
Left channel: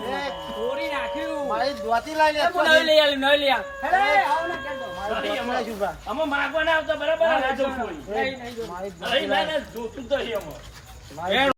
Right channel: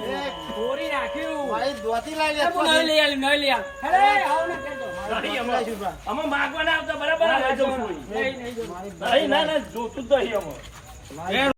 ચોરી નાખ્યું ભાઈ દોતી લઈ લે નઈ લઈ આલી નઈ લઈ આલ અરે આવ ના ઘેર તો અમે માગવા ના આવતા બરાબર આવે તો છોડી નહીં જો નહીં ના જોતું જ નહીં અમે